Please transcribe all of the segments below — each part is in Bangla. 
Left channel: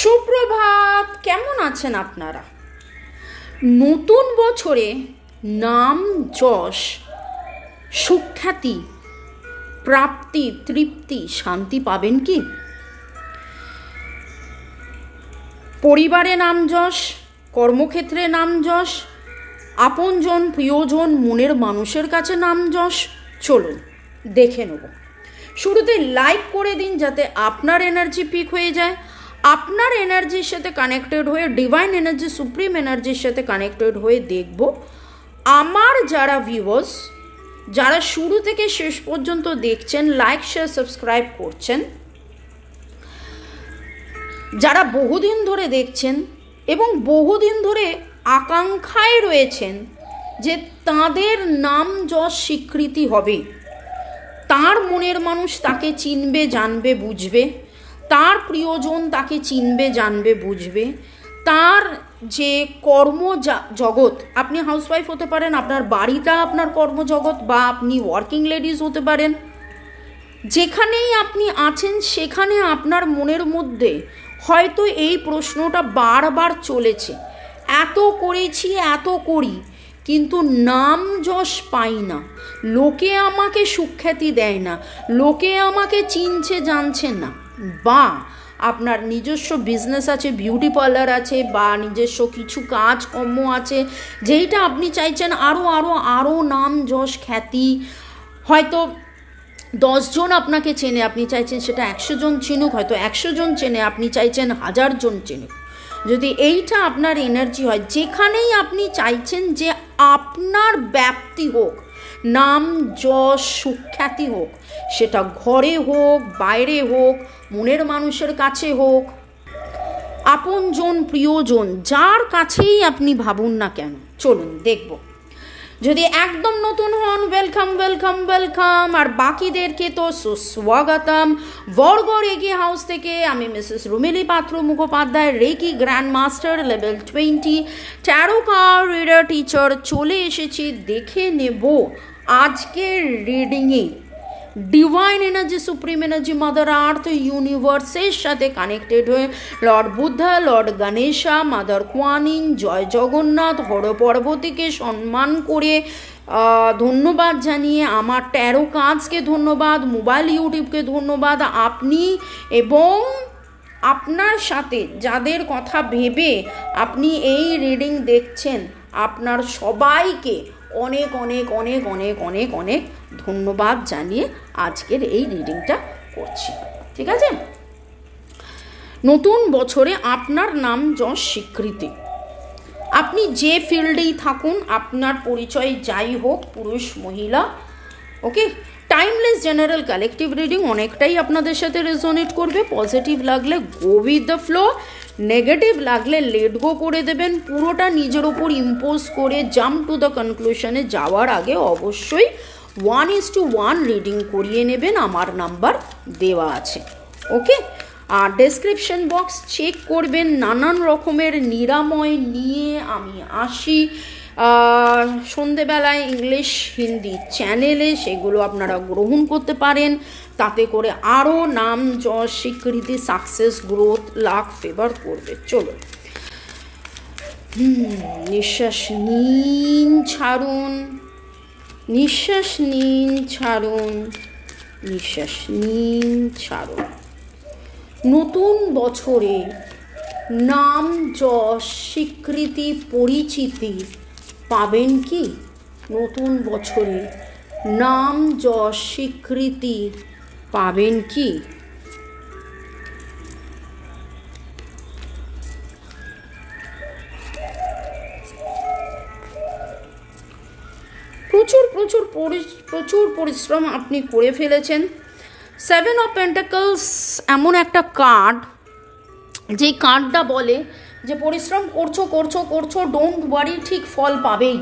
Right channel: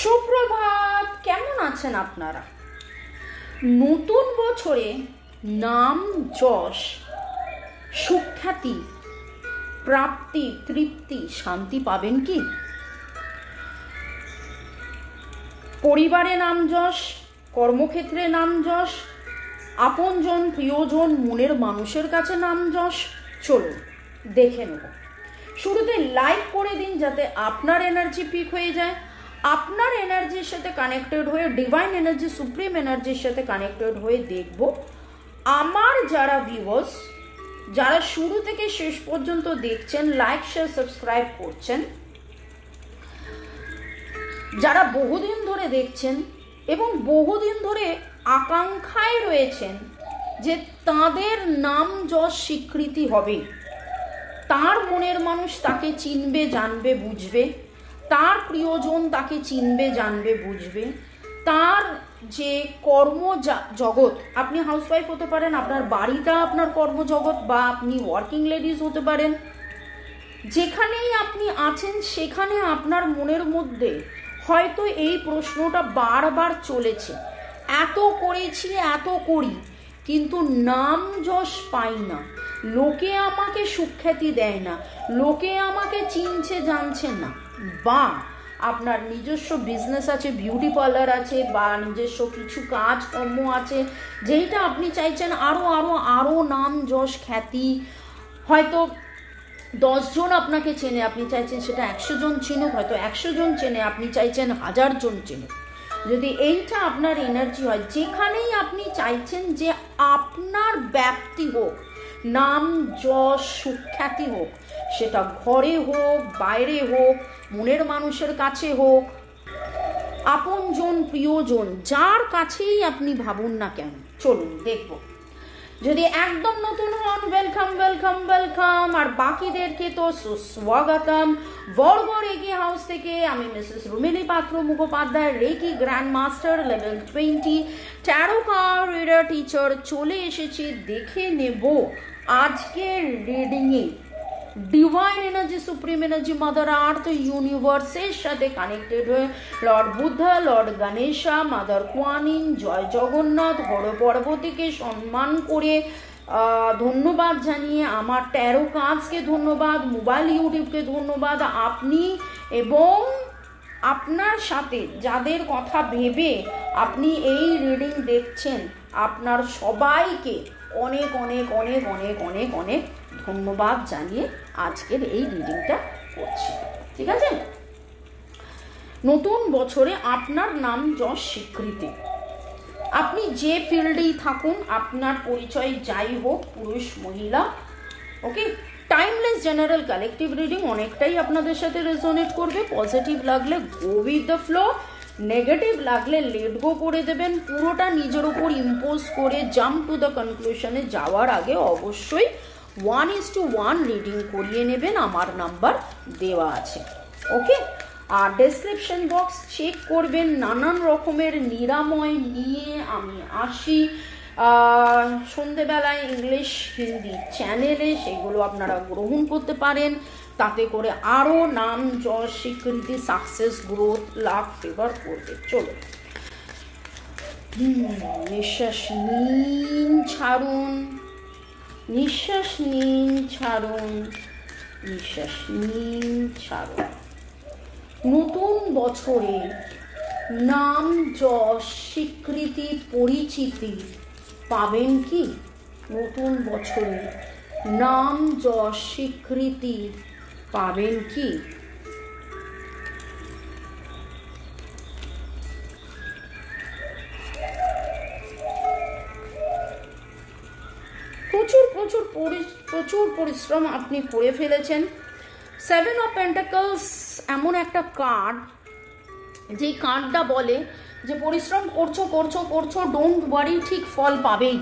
সুপ্রভাত, কেমন আছেন আপনারা? নতুন বছরে নাম, যশ, সুখ্যাতি, প্রাপ্তি, তৃপ্তি, শান্তি পাবেন কি? পরিবারে নাম যশ, কর্মক্ষেত্রে নাম যশ, আপনজন প্রিয়জন মনের মানুষের কাছে নাম যশ। চলুন দেখে নেব। শুরুতে লাইক করে দিন যাতে আপনার এনার্জি পিক হয়ে যায়। আপনার এনার্জির সাথে কানেক্টেড হয়ে, ডিভাইন এনার্জি, সুপ্রিম এনার্জির সাথে কানেক্টেড হয়ে দেখব আমার যারা ভিউয়ার্স, যারা শুরু থেকে শেষ পর্যন্ত দেখছেন, লাইক শেয়ার সাবস্ক্রাইব করছেন, যারা বহুদিন ধরে দেখছেন এবং বহুদিন ধরে আকাঙ্ক্ষায় রয়েছেন যে তাদের নাম যশ স্বীকৃতি হবে, তার মনের মানুষ তাকে চিনবে, জানবে, বুঝবে, তার প্রিয়জন তাকে চিনবে, জানবে, বুঝবে, তার যে কর্মজগৎ, আপনি হাউসওয়াইফ হতে পারেন, আপনার বাড়িটা আপনার কর্মজগৎ, বা আপনি ওয়ার্কিং লেডিজ হতে পারেন, যেখানেই আপনি আছেন সেখানে আপনার মনের মধ্যে হয়তো এই প্রশ্নটা বারবার চলেছে, এত করেছি, এত করি, কিন্তু নাম যশ পাই না, লোকে আমাকে সুখ্যাতি দেয় না, লোকে আমাকে চিনছে, জানছে না। বা আপনার নিজস্ব বিজনেস আছে, বিউটি পার্লার আছে, বা নিজস্ব কিছু কাজকর্ম আছে যেইটা আপনি চাইছেন আরও আরও আরও নাম যশ খ্যাতি, হয়তো 10 জন আপনাকে চেনে, আপনি চাইছেন সেটা 100 জন চিনুক, হয়তো 100 জন চেনে, আপনি চাইছেন 1000 জন চিনুক। যদি এইটা আপনার এনার্জি হয়, যেখানেই আপনি চাইছেন যে আপনার ব্যাপ্তি হোক, নাম যশ সুখ্যাতি হোক, সেটা ঘরে হোক, বাইরে হোক, মনের মানুষের কাছে হোক, আপনজন প্রিয়জন যার কাছেই আপনি ভাবুন না কেন। চলুন দেখব। যদি একদম নতুন হন, ওয়েলকাম ওয়েলকাম ওয়েলকাম, আর বাকিদেরকে তো সুস্বাগতম। বরগড় এগিয়ে হাউস থেকে আমি Mrs Rumili Patra Mukhopadhyay, reiki grand master level 20, tarot card reader teacher, চলে এসেছি। দেখে নেব আজকের রিডিংয়ে divine energy, supreme energy, mother earth, ইউনিভার্সের সাথে কানেক্টেড হয়ে lord Buddha, lord Ganesha, mother Kuan Yin, জয় জগন্নাথ, হর পার্বতীকে সম্মান করে ধন্যবাদ জানিয়ে, আমার ট্যারো কাজকে ধন্যবাদ, মোবাইল ইউটিউবকে ধন্যবাদ, আপনি এবং আপনার সাথে যাদের কথা ভেবে আপনি এই রিডিং দেখছেন, আপনার সবাইকে অনেক অনেক অনেক অনেক অনেক অনেক ধন্যবাদ জানিয়ে আজকের এই রিডিংটা করছি। ঠিক আছে? নতুন বছরে আপনার নাম যশ স্বীকৃতি, আপনি যে ফিল্ডেই থাকুন, আপনার পরিচয় যাই হোক, পুরুষ মহিলা, ওকে, টাইমলেস জেনারেল কালেকটিভ রিডিং অনেকটাই আপনাদের সাথে রেজোনেট করবে। পজিটিভ লাগলে go with the flow, negative লাগলে লেট গো করে দেবেন। পুরোটা নিজের ওপর ইম্পোজ করে জাম্প টু দ্য কনক্লুশনে যাওয়ার আগে অবশ্যই 1:1 রিডিং করিয়ে নেবেন, আমার নাম্বার দেওয়া আছে। ওকে, আর ডেসক্রিপশন বক্স চেক করবেন। নানান রকমের নিরাময় নিয়ে আমি আসি সন্ধেবেলায় ইংলিশ হিন্দি চ্যানেলে, সেগুলো আপনারা গ্রহণ করতে পারেন। তাতে করে আরও নাম যশ স্বীকৃতি, সাকসেস, গ্রোথ, লাক, ফেভার করবে। চলো, নিঃশ্বাস নিন, ছাড়ুন, নিঃশ্বাস নিন, ছাড়ুন, নিঃশ্বাস নিন, ছাড়ুন। নতুন বছরে নাম যশ স্বীকৃতি, পরিচিতি পাবেন কি? নতুন বছরে নাম যশ স্বীকৃতি পাবেন কি? প্রচুর পরিশ্রম আপনি করে ফেলেছেন। 7 অফ পেন্টাকলস এমন একটা কার্ড, যেই কার্ডটা বলে যে পরিশ্রম করছো করছো করছো, ডোন্ট ওয়ারি, ঠিক ফল পাবেই।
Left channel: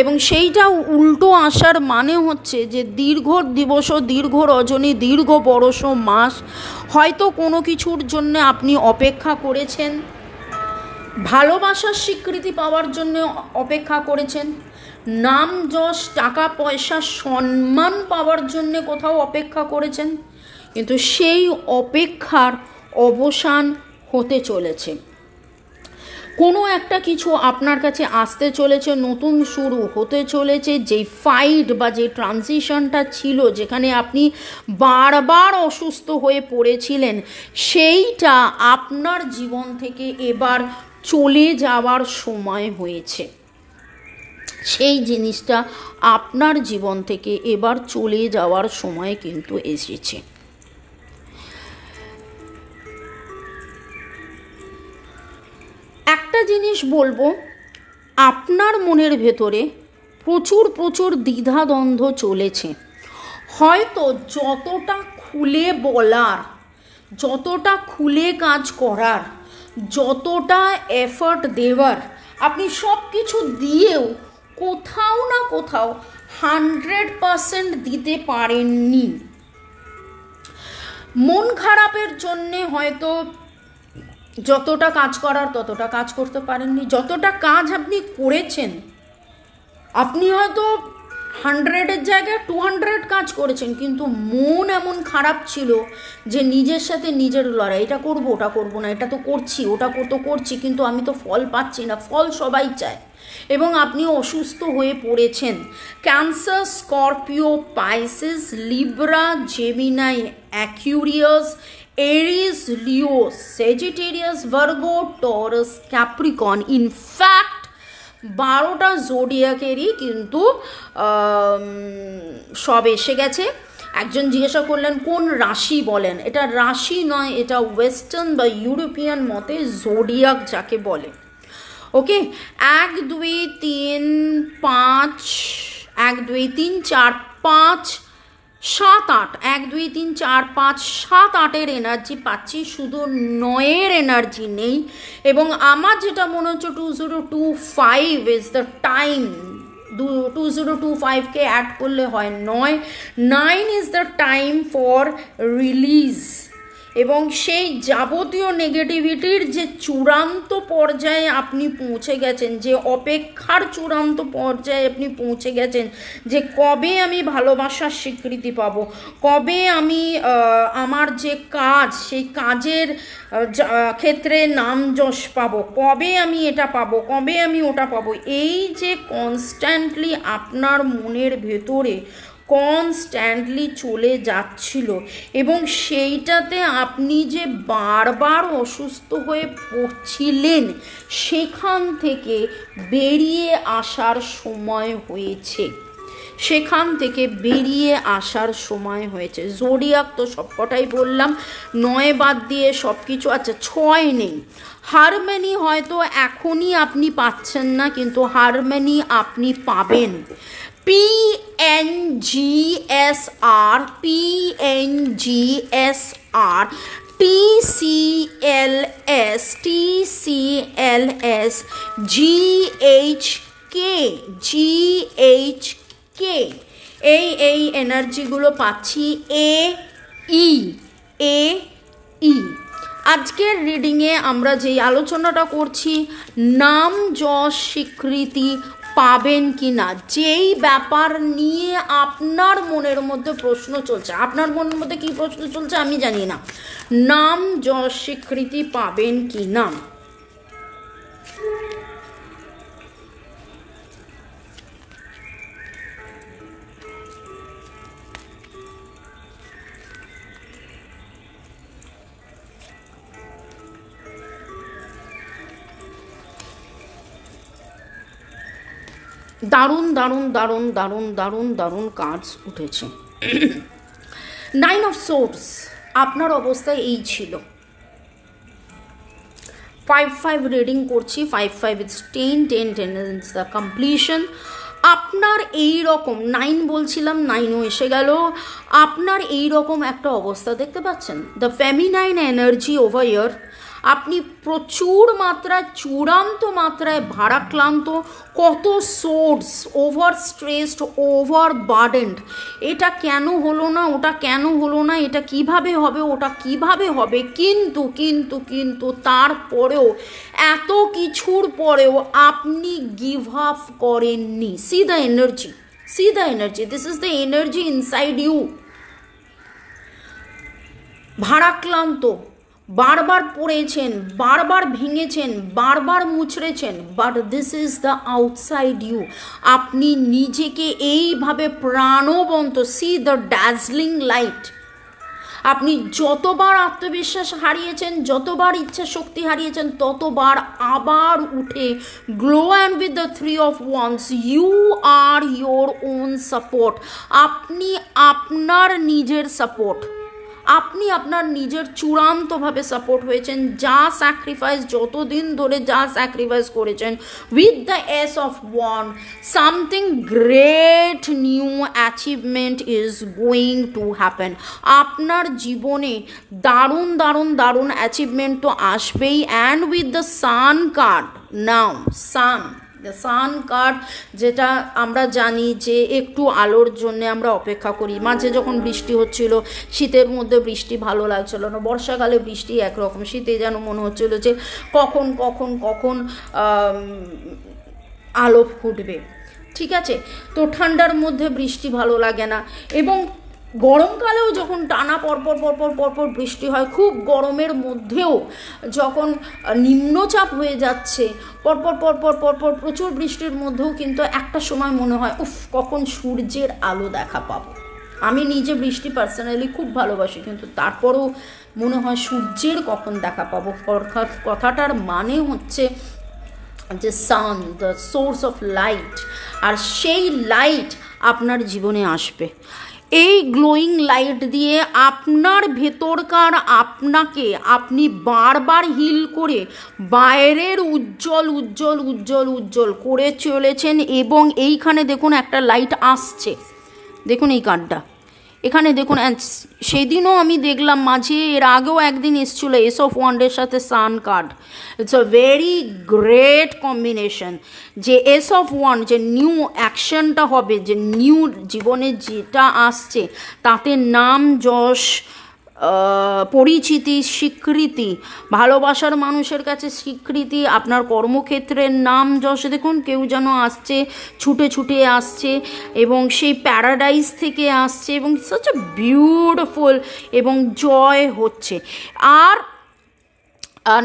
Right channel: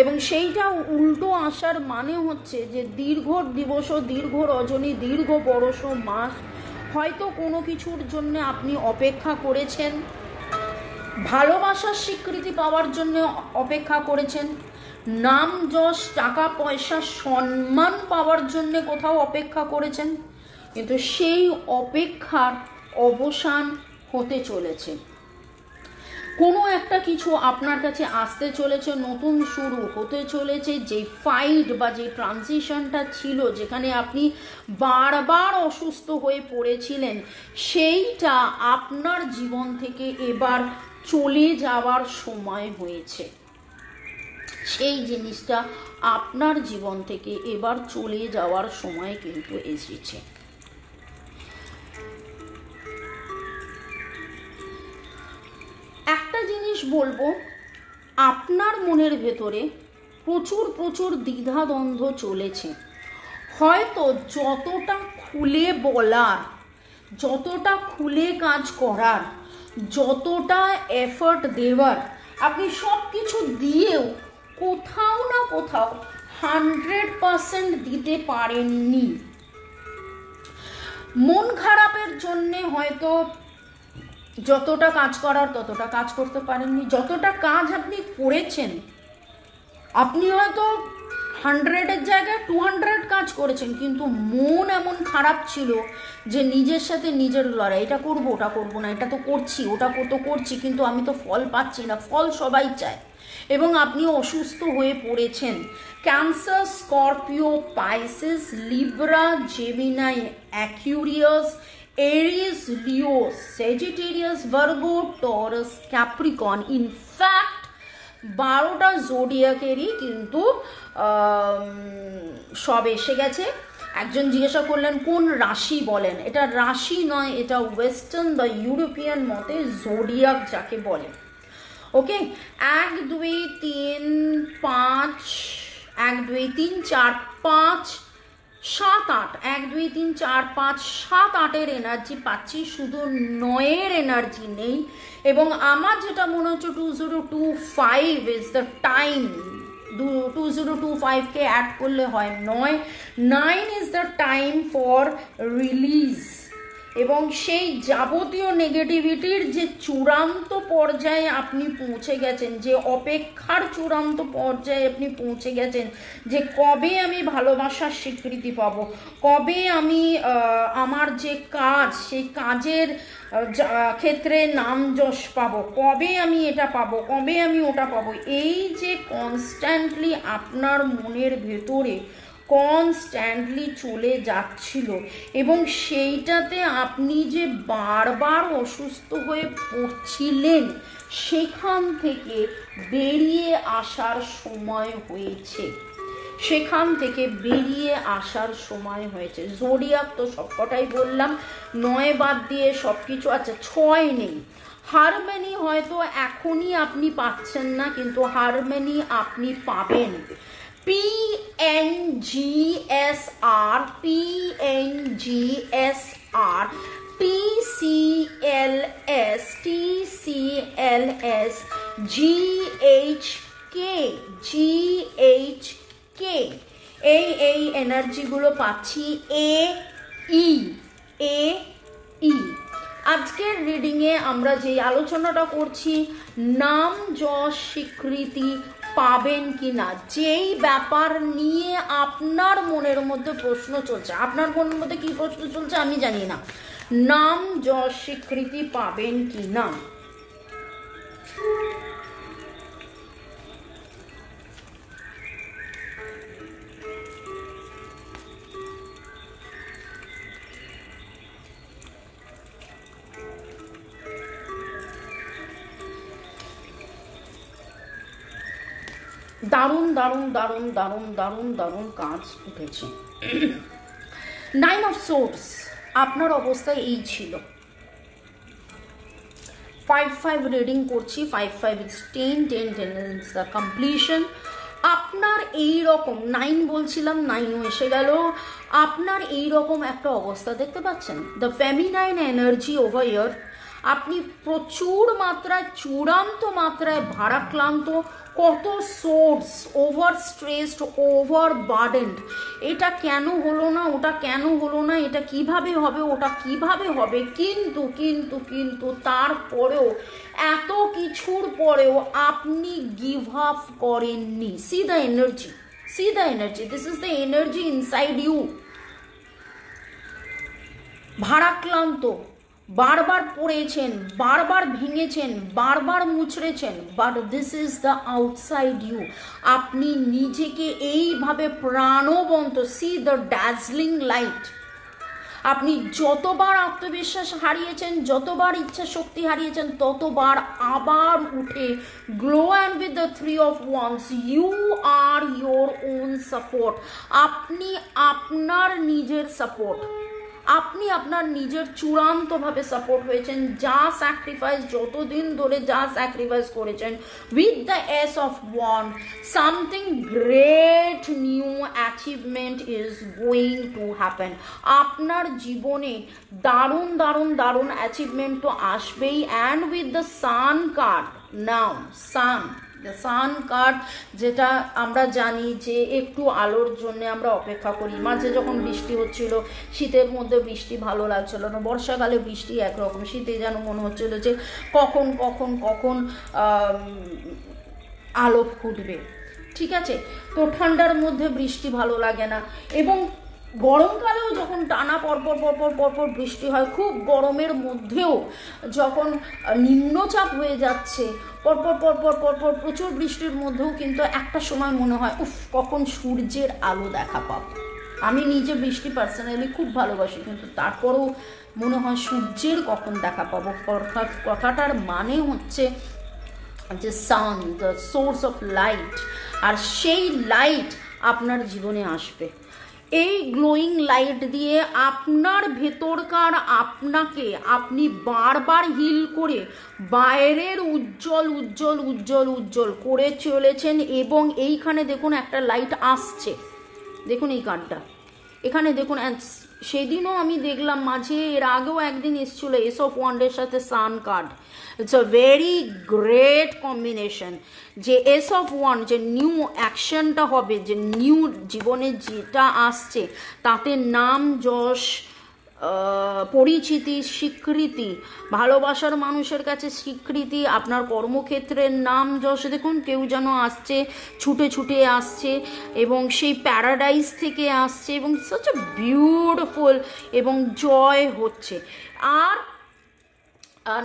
এবং সেইটা উল্টো আসার মানে হচ্ছে যে দীর্ঘ দিবস, দীর্ঘ রজনী, দীর্ঘ বরষ, মাস হয়তো কোনো কিছুর জন্য আপনি অপেক্ষা করেছেন, ভালোবাসার স্বীকৃতি পাওয়ার জন্য অপেক্ষা করেছেন, নাম যশ টাকা পয়সা সম্মান পাওয়ার জন্য কোথাও অপেক্ষা করেছেন, কিন্তু সেই অপেক্ষার অবসান হতে চলেছে, কোনো একটা কিছু আপনার কাছে আসতে চলেছে, নতুন শুরু হতে চলেছে। যেই ফাইট বা যে ট্রানজিশনটা ছিল, যেখানে আপনি বারবার অসুস্থ হয়ে পড়েছিলেন, সেইটা আপনার জীবন থেকে এবার চলে যাওয়ার সময় হয়েছে। সেই জিনিসটা আপনার জীবন থেকে এবার চলে যাওয়ার সময় কিন্তু এসেছে। একটা জিনিস বলবো, আপনার মনের ভেতরে প্রচুর প্রচুর দ্বিধাদ্বন্দ্ব চলেছে। হয়তো যতটা খুলে বলার, যতটা খুলে কাজ করার, যতটা এফর্ট দেওয়ার, আপনি সব কিছু দিয়েও কোথাও না কোথাও 100% দিতে পারেননি। মন খারাপের জন্যে হয়তো যতটা কাজ করার ততটা কাজ করতে পারেননি। যতটা কাজ আপনি করেছেন, আপনি হয়তো 100-এর জায়গায় 200 কাজ করেছেন, কিন্তু মন এমন খারাপ ছিল যে নিজের সাথে নিজের লড়াই, এটা করবো ওটা করবো না, এটা তো করছি ওটা তো করছি, কিন্তু আমি তো ফল পাচ্ছি না। ফল সবাই চায়, এবং আপনি অসুস্থ হয়ে পড়েছেন। Cancer, Scorpio, Pisces, Libra, Gemini, Aquarius, Aries, Leo, Sagittarius, Virgo, Taurus, Capricorn. In fact 12টা জোডিয়াকেরই কিন্তু সব এসে গেছে। একজন জিজ্ঞাসা করলেন কোন রাশি বলেন, এটা রাশি নয়, এটা ওয়েস্টার্ন বা ইউরোপিয়ান মতে জোডিয়াক যাকে বলে। ওকে, 1 2 3 5 1 2 3 4 5 7 8 1 2 3 4 5 7 8-এর এনার্জি পাচ্ছি, শুধু 9-এর এনার্জি নেই। এবং আমার যেটা মনে হচ্ছে 2025 ইজ দ্য টাইম। 2025-কে অ্যাড করলে হয় 9। 9 is the time for release. এবং সেই যাবতীয় নেগেটিভিটির যে চূড়ান্ত পর্যায়ে আপনি পৌঁছে গেছেন, যে অপেক্ষার চূড়ান্ত পর্যায়ে আপনি পৌঁছে গেছেন, যে কবে আমি ভালোবাসার স্বীকৃতি পাব, কবে আমি আমার যে কাজ, সেই কাজের ক্ষেত্রে নাম যশ পাবো, কবে আমি এটা পাবো, কবে আমি ওটা পাবো, এই যে কনস্ট্যান্টলি আপনার মনের ভেতরে কনস্ট্যান্টলি চলে যাচ্ছিল, এবং সেইটাতে আপনি যে বারবার অসুস্থ হয়ে পড়ছিলেন, সেখান থেকে বেরিয়ে আসার সময় হয়েছে। সেখান থেকে বেরিয়ে আসার সময় হয়েছে। জোডিয়াক তো সবকটাই বললাম, 9 বাদ দিয়ে সব কিছু। আচ্ছা, 6 নেই। হারমোনি হয়তো এখনই আপনি পাচ্ছেন না, কিন্তু হারমোনি আপনি পাবেন। PNGSR, PNGSR, TCLS, TCLS, GHK, GHK, এই এনার্জিগুলো পাচ্ছি। AE। আজকের রিডিংয়ে আমরা যেই আলোচনাটা করছি, নাম যশ স্বীকৃতি পাবেন কি না, যেই ব্যাপার নিয়ে আপনার মনের মধ্যে প্রশ্ন চলছে। আপনার মনের মধ্যে কি প্রশ্ন চলছে আমি জানি না। নাম যশ স্বীকৃতি পাবেন কি না। দারুণ দারুণ দারুণ দারুণ দারুণ দারুণ কাজ উঠেছে। 9 অফ সোর্স, আপনার অবস্থায় এই ছিল। 5-5 রিডিং করছি। 5-5 ইজ 10, 10 ইজ দ্য কমপ্লিশন। আপনার এই রকম 9 বলছিলাম, 9ও এসে গেল। আপনার এই রকম একটা অবস্থা দেখতে পাচ্ছেন, the feminine energy over year. আপনি প্রচুর মাত্রায়, চূড়ান্ত মাত্রায় ভারাক্রান্ত, কত source, over stressed, over burdened. এটা কেন হলো না, ওটা কেন হলো না, এটা কিভাবে হবে, ওটা কিভাবে হবে, কিন্তু কিন্তু কিন্তু তারপরেও, এত কিছুর পরেও আপনি গিভ আপ করেননি। See the energy, see the energy, this is the energy inside you. ভারাক্রান্ত, বারবার পড়েছেন, বারবার ভেঙেছেন, বারবার মুচড়েছেন, but this is the outside you. আপনি নিজেকে এইভাবে প্রাণবন্ত, সি দ্য ড্যাজলিং লাইট। আপনি যতবার আত্মবিশ্বাস হারিয়েছেন, যতবার ইচ্ছা শক্তি হারিয়েছেন, ততবার আবার উঠে glow and with the 3 of Wands you are your own support. আপনি আপনার নিজের সাপোর্ট, আপনি আপনার নিজের চূড়ান্তভাবে সাপোর্ট হয়েছেন। যা স্যাক্রিফাইস, যতদিন ধরে যা স্যাক্রিফাইস করেছেন, with the S of wand something great new achievement is going to happen. আপনার জীবনে দারুণ দারুণ দারুণ অ্যাচিভমেন্ট তো আসবেই। And with the sun card now, sun card, যেটা আমরা জানি যে একটু আলোর জন্য আমরা অপেক্ষা করি। মাঝে যখন বৃষ্টি হচ্ছিল, শীতের মধ্যে বৃষ্টি ভালো লাগছিল না, বর্ষাকালে বৃষ্টি একরকম, শীতে যেন মনে হচ্ছিল যে কখন কখন কখন আলো ফুটবে, ঠিক আছে। তো ঠান্ডার মধ্যে বৃষ্টি ভালো লাগে না, এবং গরমকালেও যখন টানা পরপর পরপর পরপর বৃষ্টি হয়, খুব গরমের মধ্যেও যখন নিম্নচাপ হয়ে যাচ্ছে, পরপর পরপর পরপর প্রচুর বৃষ্টির মধ্যেও কিন্তু একটা সময় মনে হয় উফ, কখন সূর্যের আলো দেখা পাবো। আমি নিজে বৃষ্টি পার্সোনালি খুব ভালোবাসি, কিন্তু তারপরেও মনে হয় সূর্যের কখন দেখা পাবো। কথাটার মানে হচ্ছে যে সান, দ্য সোর্স অফ লাইট, আর সেই লাইট আপনার জীবনে আসবে। এই গ্লোয়িং লাইট দিয়ে আপনার ভেতরকার আপনাকে আপনি বারবার হিল করে বাইরের উজ্জ্বল উজ্জ্বল উজ্জ্বল উজ্জ্বল করে চলেছেন। এবং এইখানে দেখুন একটা লাইট আসছে, দেখুন এই কার্ডটা এখানে দেখুন। সেদিনও আমি দেখলাম মাঝে, এর আগেও একদিন এসেছিলো এস অফ ওয়ান্ডের সাথে sun card. It's a very great combination. যে এস অফ ওয়ান্ড, যে নিউ অ্যাকশনটা হবে, যে নিউ জীবনে যেটা আসছে, তাতে নাম যশ, পরিচিতি, স্বীকৃতি, ভালোবাসার মানুষের কাছে স্বীকৃতি, আপনার কর্মক্ষেত্রের নাম যশ। দেখুন কেউ যেন আসছে, ছুটে ছুটে আসছে, এবং সেই প্যারাডাইস থেকে আসছে, এবং সাচ এ বিউটিফুল, এবং জয় হচ্ছে। আর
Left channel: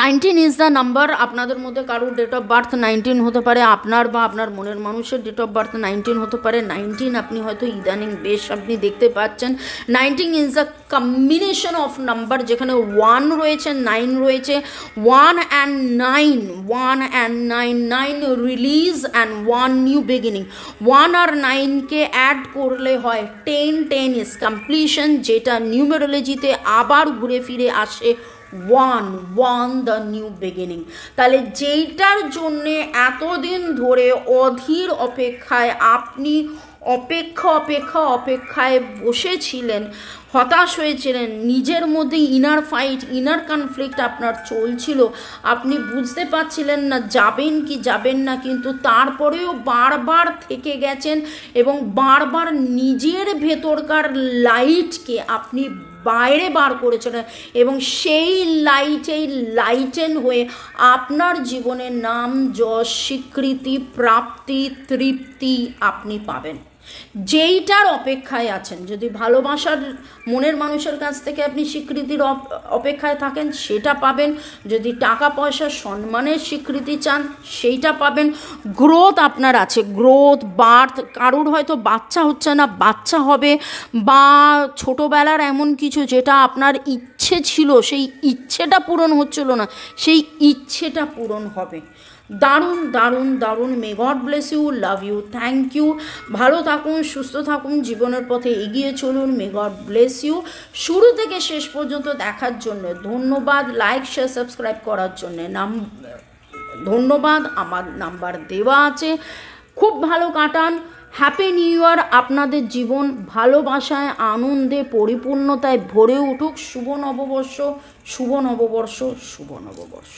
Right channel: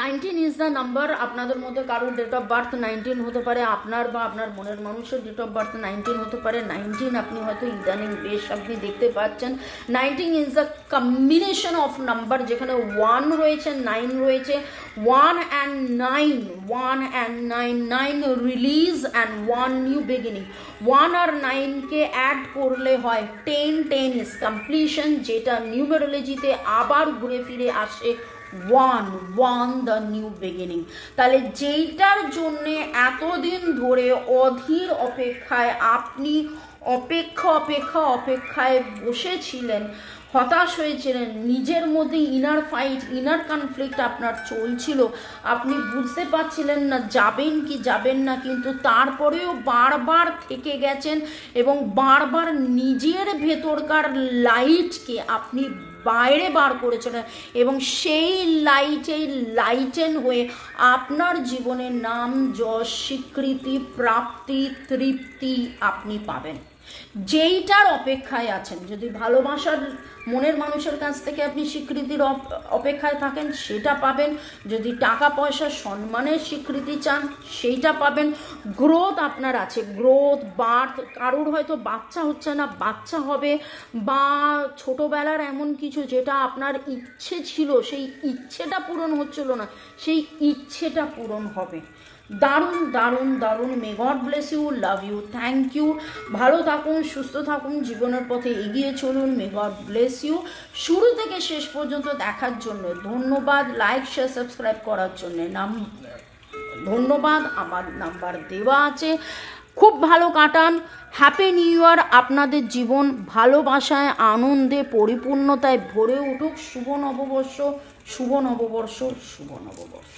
19 ইজ দ্য নাম্বার। আপনাদের মধ্যে কারোর ডেট অফ বার্থ 19 হতে পারে, আপনার বা আপনার মনের মানুষের ডেট অফ বার্থ 19 হতে পারে। 19 আপনি হয়তো ইদানিং বেশ আপনি দেখতে পাচ্ছেন। 19 is the combination of number, যেখানে 1 রয়েছে, 9 রয়েছে। 1 and 9, 1 and 9, 9 release and 1 new beginning. 1 আর 9কে অ্যাড করলে হয় 10, 10 ইজ কমপ্লিশন, যেটা নিউমেরোলজিতে আবার ঘুরে ফিরে আসে 1 দ্য নিউ বিগিনিং। তাহলে যেইটার জন্যে এতদিন ধরে অধীর অপেক্ষায় আপনি অপেক্ষায় বসেছিলেন, হতাশ হয়েছিলেন, নিজের মধ্যে ইনার ফাইট, ইনার কনফ্লিক্ট আপনার চলছিল, আপনি বুঝতে পারছিলেন না যাবেন কি যাবেন না, কিন্তু তারপরেও বারবার থেকে গেছেন এবং বারবার নিজের ভেতরকার লাইটকে আপনি বাইরে বার করেছেন, এবং সেই লাইটেন হয়ে আপনার জীবনের নাম যশ, স্বীকৃতি, প্রাপ্তি, তৃপ্তি আপনি পাবেন। যেইটার অপেক্ষায় আছেন, যদি ভালোবাসার মনের মানুষের কাছ থেকে আপনি স্বীকৃতির অপেক্ষায় থাকেন, সেটা পাবেন। যদি টাকা পয়সা সম্মানের স্বীকৃতি চান, সেইটা পাবেন। গ্রোথ আপনার আছে, গ্রোথ, বার্থ, কারোর হয়তো বাচ্চা হচ্ছে না, বাচ্চা হবে, বা ছোটোবেলার এমন কিছু যেটা আপনার ইচ্ছে ছিল, সেই ইচ্ছেটা পূরণ হচ্ছিল না, সেই ইচ্ছেটা পূরণ হবে। দারুণ দারুণ দারুণ। May God bless you, love you, thank you. ভালো থাকুন, সুস্থ থাকুন, জীবনের পথে এগিয়ে চলুন। May God bless you. শুরু থেকে শেষ পর্যন্ত দেখার জন্য ধন্যবাদ। লাইক, শেয়ার, সাবস্ক্রাইব করার জন্য ধন্যবাদ। আমার নাম্বার দেওয়া আছে। খুব ভালো কাটান। Happy new year. আপনাদের জীবন ভালোবাসায়, আনন্দে, পরিপূর্ণতায় ভরে উঠুক। শুভ নববর্ষ, শুভ নববর্ষ, শুভ নববর্ষ।